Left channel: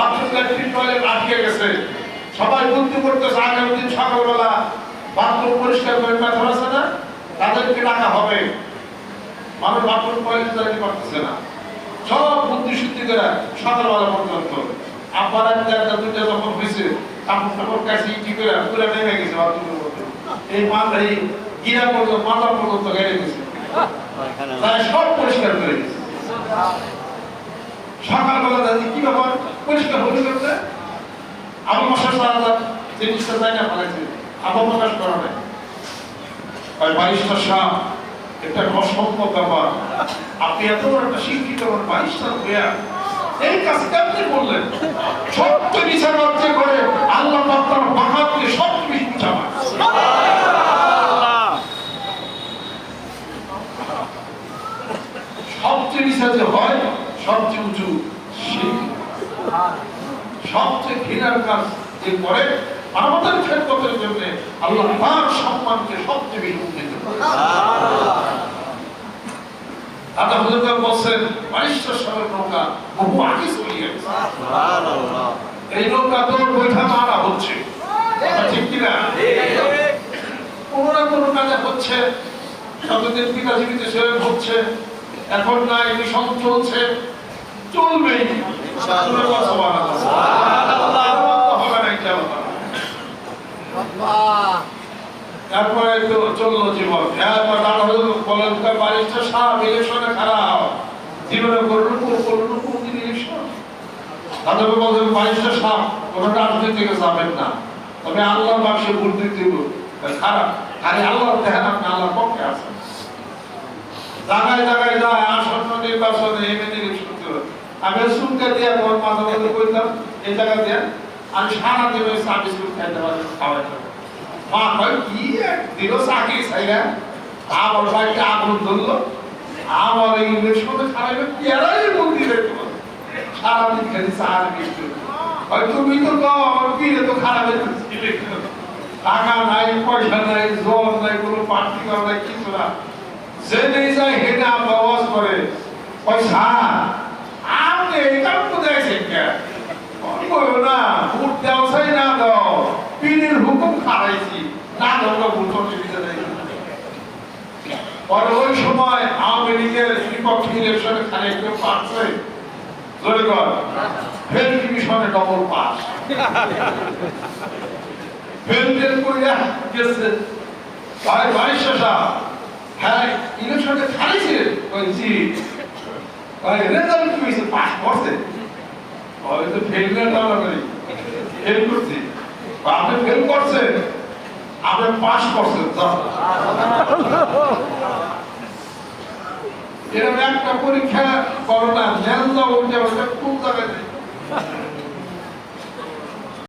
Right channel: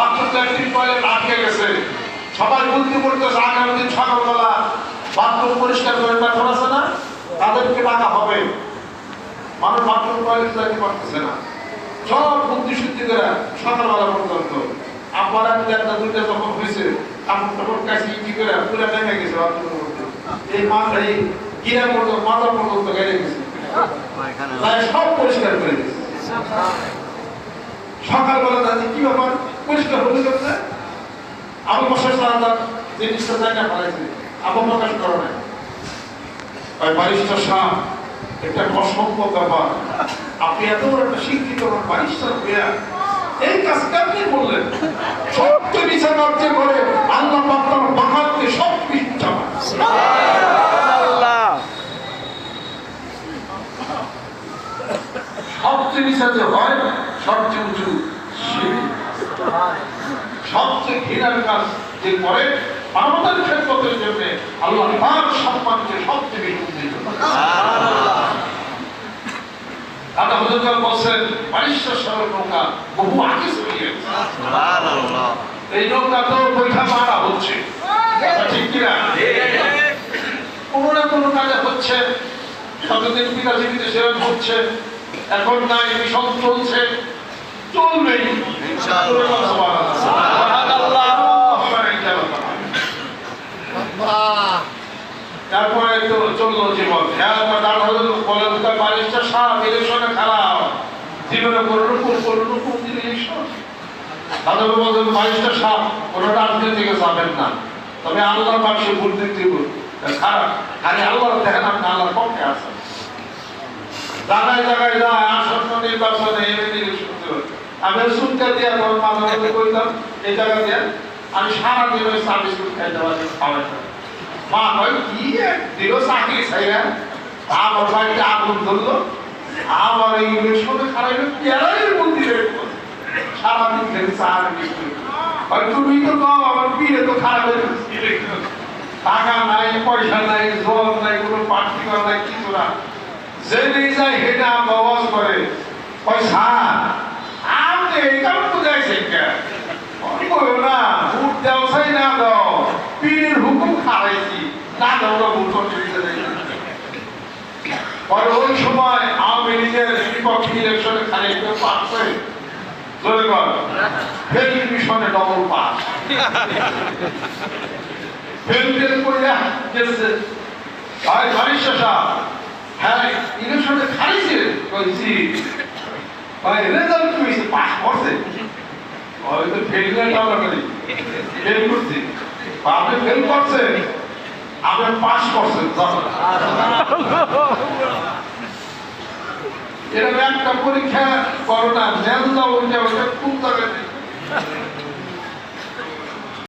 Bathroom latrine toilet আটকে গেছে। সবাই করতেছে আগামী দিন সকালবেলা বাথরুম পরিষ্কার করে আছে না? তাদেরকে টাকা হবে। মানুষ বাথরুম টয়লেট যাইতে পারতেছে না। সব বুদ্ধি শুদ্ধি করে সকালবেলা পর্যন্ত। আব্বার একটা দুইটা যখন হয়েছে কাপড় টাপড় কাছে ইটি করে পুরো নেমে গেছে বাথরুমের মধ্যে। এই মাথা এই গিরা পর্যন্ত মাথা পর্যন্ত গেড়ে গেছে। সব পরিষ্কার করে সকালবেলা দাদি কি ব্যাপার? পরিষ্কার হতে করতে আবু প্রকাশ আলাদা জিনিসটা জায়গা ফেলাইছে আবু প্রকাশ করা নাই। ওই বারিস্টার সাহ এটা অসম্ভব ব্যাপার। আপনি এত একটা শিক্ষিত বারিস্টার হইয়া এই কাজ কেমনি করলেন? সত্য বিচার রাজ্য করে আল্লাহ আপনার বাহাদকে সব কিছু সবচেয়ে নিচা যে হয় সবচেয়ে উঁচু সবচেয়ে ঘৃণার কাজ যে করে, মানবতার জন্য আল্লাহ তার সম্মানকে সবচেয়ে বেশি দাদা বলছেন সাগর নৌকা বহু এই নৌকা তো বৈঠা মারা হচ্ছে। ঠিক কিনা? কোনো না কোনো কাজে হচ্ছে। কতদিন পিতা জীবিত হচ্ছে। এখন না মিশন চলছে। ইনশাআল্লাহ। তারপরে তো চলল জীবন। হলো বলেন বাড়িটা সাপ ইলেকশনে খারাপ। জীবনে করুন করুন ইলেকশন বলছেন সাপ রাজনীতিকে যাবেন না। তবে আল্লাহ মানুষের দিতে খারাপ। খালি আল্লাহ দেখেন আপনি আল্লাহর পক্ষে আছেন। জায়গায় জায়গায় যায়, আসন্ন নির্বাচনে ইলেকশন দেবে আমি শুনতে দিয়ে আমার মাথা মধ্যে এই জায়গা দিয়ে আমি সারা দিন ওই চা বিস্কুট খাইতে পারি খাওয়াই। মা কয়, কি দিল চাকরি ছাইরা আমার বাড়িতে আগুন ধরলো। আমার এই ইলেকশনে খারাপ পেয়ারাই মন্দিরে সারাদিন খেতে আর বিস্কুট হয় তুমি তো কও, আমার বিয়ে তো খারাপ। টাকা নাই, পয়সা নাই জল নাই, কোনো পার্টি করা নাই, কিছু না যে নিয়ে যায় হেঁটে আবাস করে পয়সা আপনি এই কারণ দেখছেন কে না, ভোট দেওয়া চাই না দাও, পীরের হুকুম খারাইছি না দাও না ভোট পরে ওই সময় আওয়ামী লীগের বিপক্ষে ইলেকশনে খালি কেউ পাস করে জোরে মিশনে ডবল পাস ফেলটেল করিয়া গেছে। ভাই ভাই শেষা হ্যাঁ ইলেকশনে কইছি ভাই রেজাল্ট কি হইছে পাস করছে ওই তো ফেল না টালা করি ফেল করছি আপনি ফেল করছে আপনি পাস করছেন। এরকম একটা পরীক্ষা করোনা নেন দাও ওইটা ওইটা কোন